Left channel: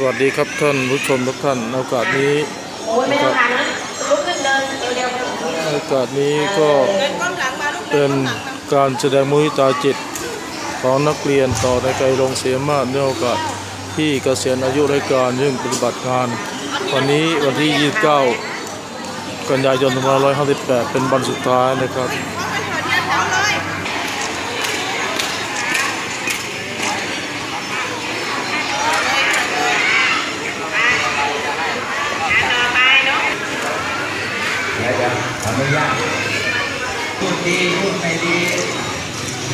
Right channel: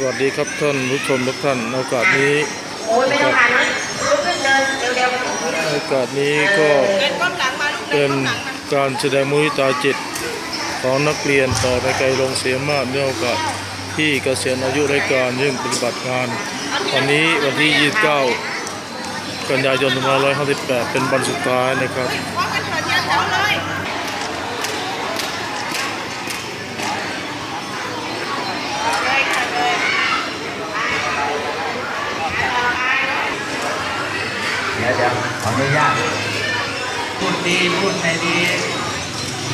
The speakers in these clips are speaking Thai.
สวัสดีครับท่านผู้ชมทุกท่านโอกาสนี้โอ้ยไม่ต้องผ่านะลุกขึ้นเดินเร็วในโอกาสนี้ก็เป็นการแสดงมุทิตาจิตของนักเรียนต่อในไกลโรงเสียมาศในโอกาสที่เกษียณอายุราชการยื่งปฏิบัติงาน วันนี้วันที่ 29 กันยายน2558 เป็นวันสุดท้ายนะครับ เดี๋ยวเดี๋ยวขออนุญาตพูดดีพูดไม่ดี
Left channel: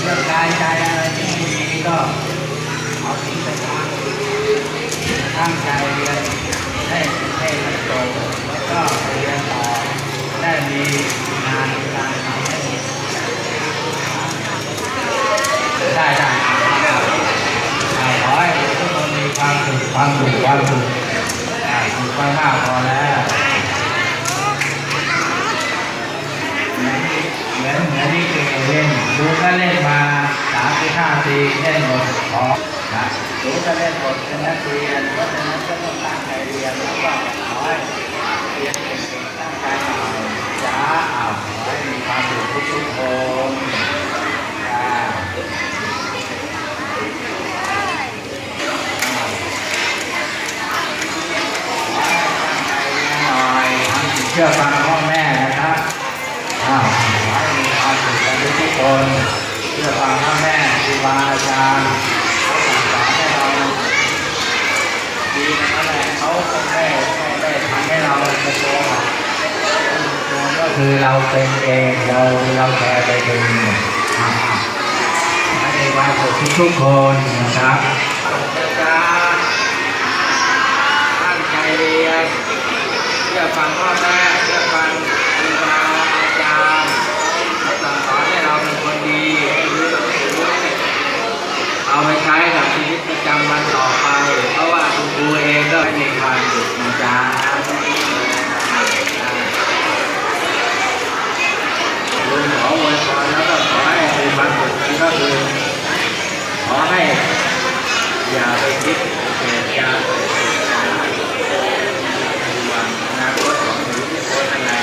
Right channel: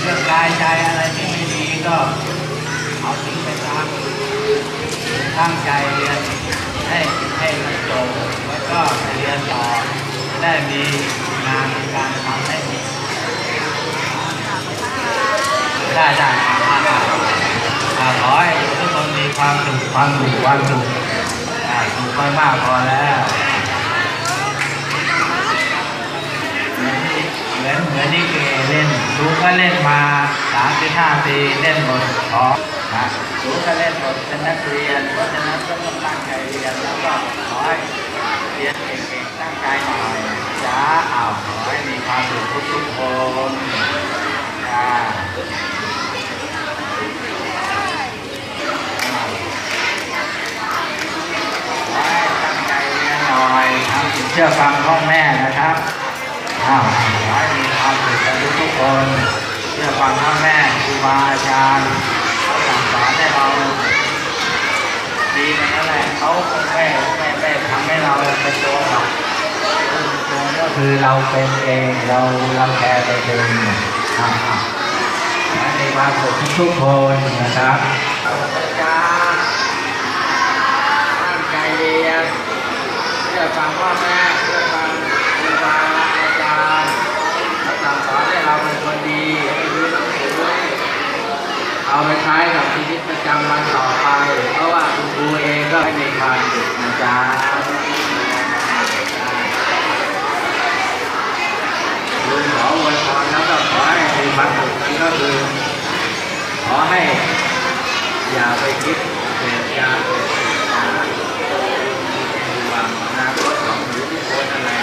เรื่องกายใจอะไรที่ไม่ดีก็เอาทิ้งไปทางตั้งใจเรียนให้ให้จบแล้วก็เรียนต่อได้มีงานการทำให้มีได้ได้ขอให้ทุกคนมีความสุขความสุขความสุขสุขไปมากพอแล้ว เหมือนเหมือนที่เคยเล่นดู ก็เล่นมาสามสิบห้าปีเล่นหมดขอนะดูก็เล่นหมดเป็นนักเรียนเพราะฉะนั้นก็ต้องตั้งใจเรียนแล้วก็ขอให้เรียนเก่งๆตั้งใจหน่อยจ้าอ้าวขอให้มีความสุขทุกๆคนจ้าหน่อยเชื่อฟังพ่อแม่นะครับอ้าว นเพื่อฟังพ่อแม่ครูบาอาจารย์สั่งสอนให้เราดีนั่นแหละเขาไม่ไม่ไม่ทำให้เราเป็นตัวเราตัวก็คือเราเป็นเองเราเราแคร์ไปเองอ่าให้มีความสุขทุกคนนะครับตั้งใจเรียนเชื่อฟังพ่อแม่เชื่อฟังครูบาอาจารย์ให้สั่งสอนให้เราเป็นคนดีให้รู้หนังสือเอาไป ใช้กับชีวิตประจำวันต่อไป เพราะว่าคุณครูเองก็มีความสุขนะจ๊ะลุงขอวยพรแล้วก็ขอให้มีความสุขนั้นก็คือขอให้อย่าไปคิดเกิดการเกิดเหตุการณ์วันอนาคตของหนูทุกคนนั่นแหละ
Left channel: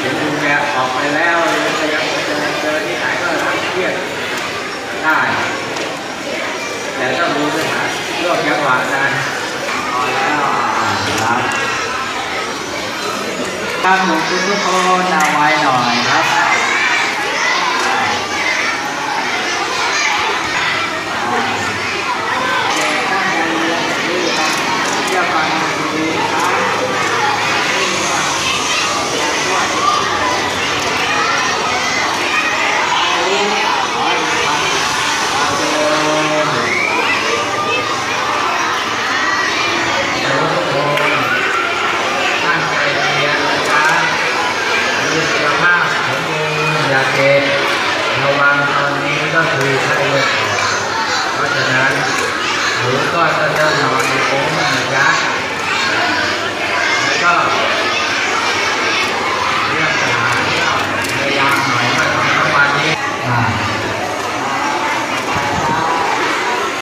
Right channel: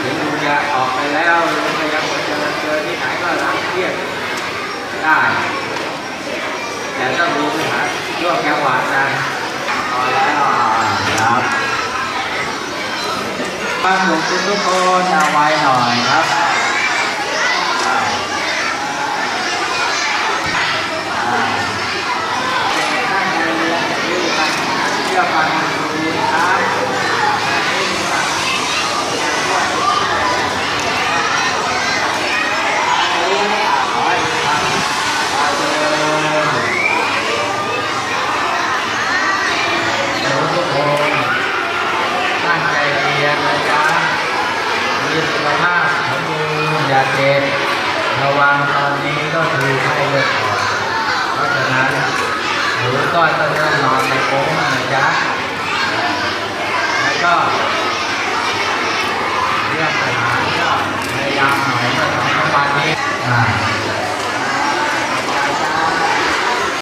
เห็นดูแลออกไปแล้วยังพยายามจอเจอที่ไหนก็รับเครียดได้ แต่ต้องดูไปหาเรื่องจังหวะนั้นพอแล้วครับครับหนูทุกคนเอาไว้หน่อยครับ ระวังตอนนี้ก็คือไข้เลือดออกเพราะฉะนั้นหรือก็จะเริ่มนอนในโค้งมันยักษ์แล้วก็